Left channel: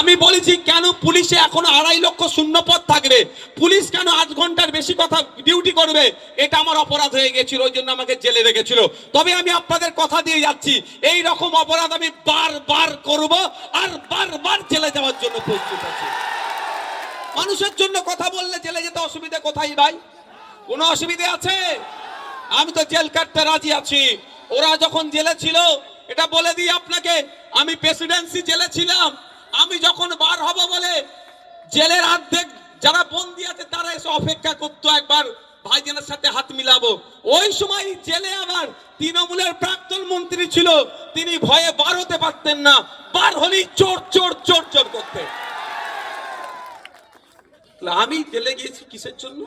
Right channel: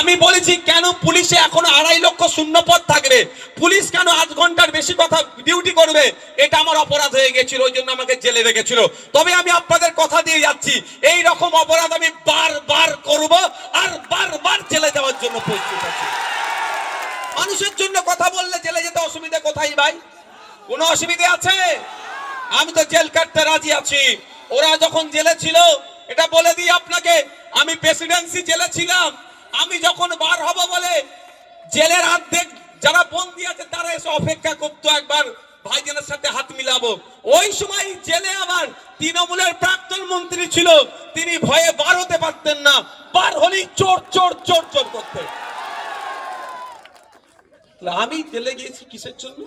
আমি বলেছি কেন পুলিশে এখনো 2.5 লক্ষ শূন্য পদ থাকবে, পুলিশ কেন 8 ঘন্টার বেশি কথা ডিউটি করবে, এটা আমার অপরাধ হয়ে গেছিল, ওই জন্য আমাকে জেলে রেখেছিল। তবে আমি আপনাদের কথা দিয়ে যাচ্ছি, এই রকম অপরাধ আমি বারবার করব আর বারবার জেলে যাওয়ার জন্য প্রস্তুত আছি। মানুষের জন্য কথা বললে জেলে যেতে অসুবিধা কোথায় ভাই? কোনো অসুবিধা আছে? আমি তো জেল কাটতে রাজি আছি। ওরা যখন জেলে ছিল, এটা বলে দিই আপনাকে, আমি প্রেসিডেন্সি জেলে ছিলাম। আমি যখন বার হব বলে জেলের অর্ধেক যারা বন্দী আছে তারা এসে অপেক্ষা করতো একবার ভাইজানের সাথে হাত মিলাবো। ওই সময় জেলে আমার তৃণমূলের প্রাক্তন মন্ত্রী ছিল, তিনি ভয়ে বার হতে পারতেন না, বার হলেই চোর চোর চোর চোর করতে। আমি জেলে গিয়েছি কিসের জন্য?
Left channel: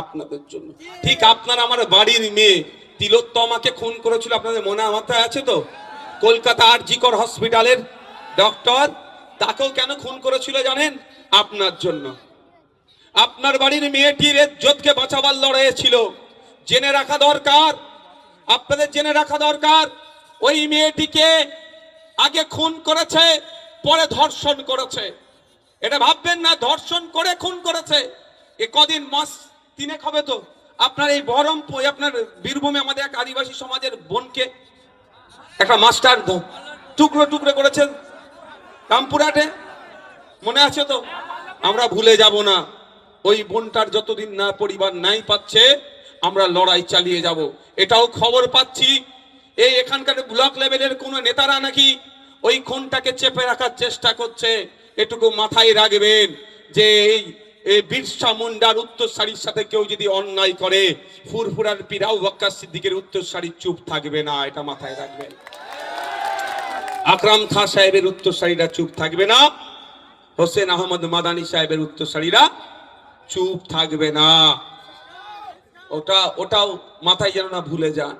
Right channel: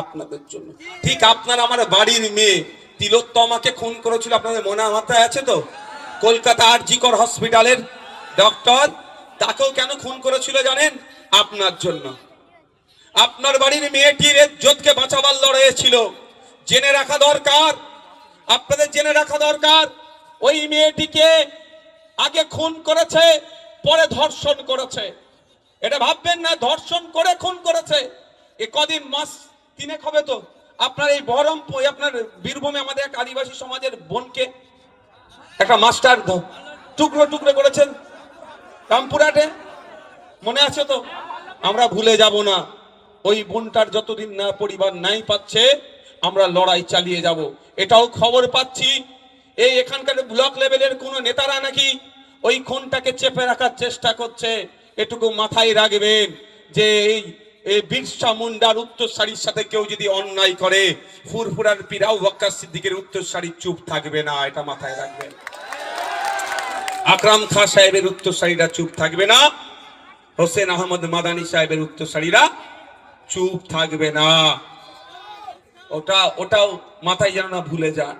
আপনাদের জন্য। ঠিক আপনার আমার বাড়ির মেয়ে তিলোত্তমাকে খুন করেছিল, আপনাদের মনে মাথায় আছে তো? কলকাতা আর.জি. কর হসপিটালের ডক্টর, তাকেও কেন খুন করেছিল জানেন? আপনার জন্য। আপনার বাড়ির মেয়েটির ইজ্জতকে বাঁচাবার লড়াই ছিল। জেনে রাখা দরকার, আপনাদের জেনে রাখা দরকার, ওই মেয়েটিকে আগে খুন করেছে, পরে ধর্ষণ করেছে। এটা ভাববেন না ধর্ষণ করে খুন করেছে। এ কদিন মাস 3 হবে তো আপনার এই বহরমপুর, আপনার বীরভূমে আমাদের এক আদিবাসী সমাজের বোনকে একটা মাস্টার টুকরো টুকরো করেছেন রামপুরহাটে, মনে আছে তো? আমরা ভুলে যাব না। ওই বোনটার যতদিন না পরিবার নাই পাচ্ছে, আমরা লড়াই চালিয়ে যাব। এটাও খবর পাচ্ছি, এই এখানকার ব্লক লেভেলের কোন নেতারা নাকি ওই খুনটাকে চেপে রাখার চেষ্টা করছে। এটুকু মাথায় রাখবেন যে এই বিরসা মুন্ডার উত্তরসারির সাথে কেউ যদি অন্যায় করে, ফুরফুরার পীর আবু বকর সিদ্দিকের উত্তরসারি চুপ থাকবে না, এটা মাথায় রাখবেন। আকরাম খান সাহেবের উত্তরসারিরা চুপ থাকবে না, হোসেন আহমদ মাদানী সাহেবের উত্তরসারিরা চুপ থাকবে না। ওটাও মাথায় যেন না ভুলে যান।